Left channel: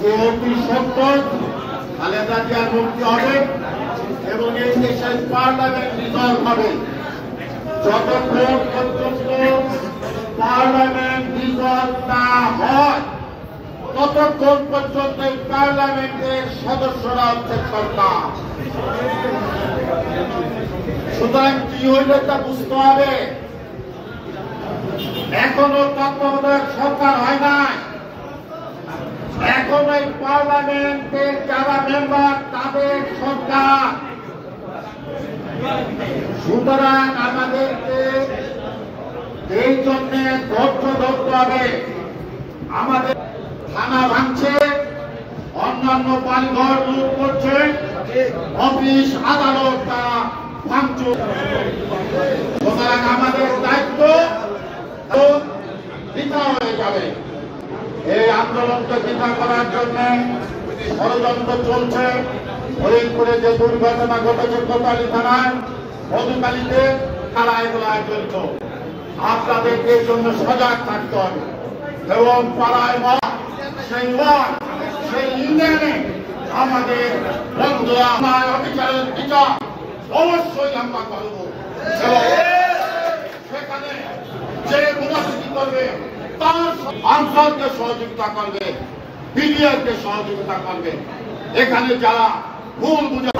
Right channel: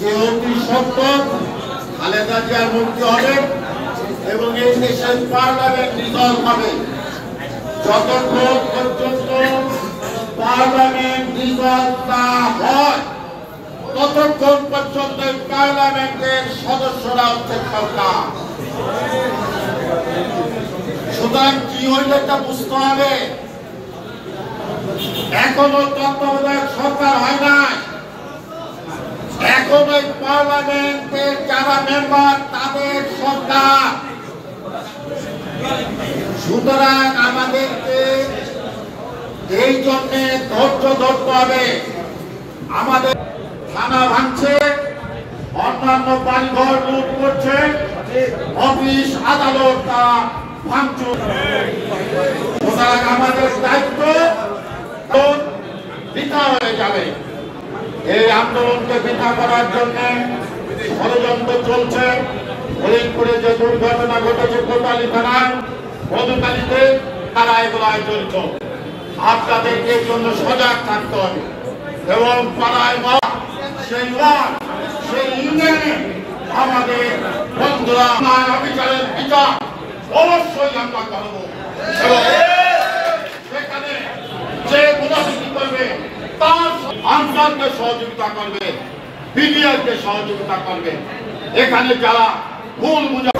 যে অতি সত্তর খালেদা জিয়ার মুক্তি হবে এবং এই দেশের পার্লামেন্ট রিজলভ হবে। যতক্ষণ পর্যন্ত পার্লামেন্ট রিজলভ না হয় ততক্ষণ পর্যন্ত পার্লামেন্টের সদস্যরা হচ্ছে সরকার। সুতরাং কি হইল এটা বুঝতে হবে। এখনো তত্ত্বাবধায়ক সরকার হয় নাই, এখন এই পার্লামেন্টের যারা মেম্বার তাদের সরকার। সুতরাং আমাদেরকে এই জন্য ধৈর্য ধরতে হবে। আমাদের থানা ভাঙছে, অন্যান্য বাড়িঘর লুট করছে, অফিস আদালত ভাঙচুর। সুতরাং আমাদের দায়িত্ব বৃথা হয়ে যাবে। এই আন্দোলনকে বৃথা করার জন্য ষড়যন্ত্র চলছে। ফরিদপুরে যে দুর্ঘটনা ঘটেছে কোতোয়ালি থানায়, মধুকালীতে, তারা এগুলো জড়িত। আপনাদেরকে এর জন্য সজাগ থাকতে হবে এবং পাড়ায় সেই সেই ইউনিয়নে আমাদের বন্ধুরা অবিচারের বিচার অবশ্যই আমরা করবো। সেখানে যে গুণাবৃত্তি করবে তার আনসারকে সহযোগিতা করবে, বিডিআরকে সহযোগিতা করবে। এখানে যারা ভুল বুঝা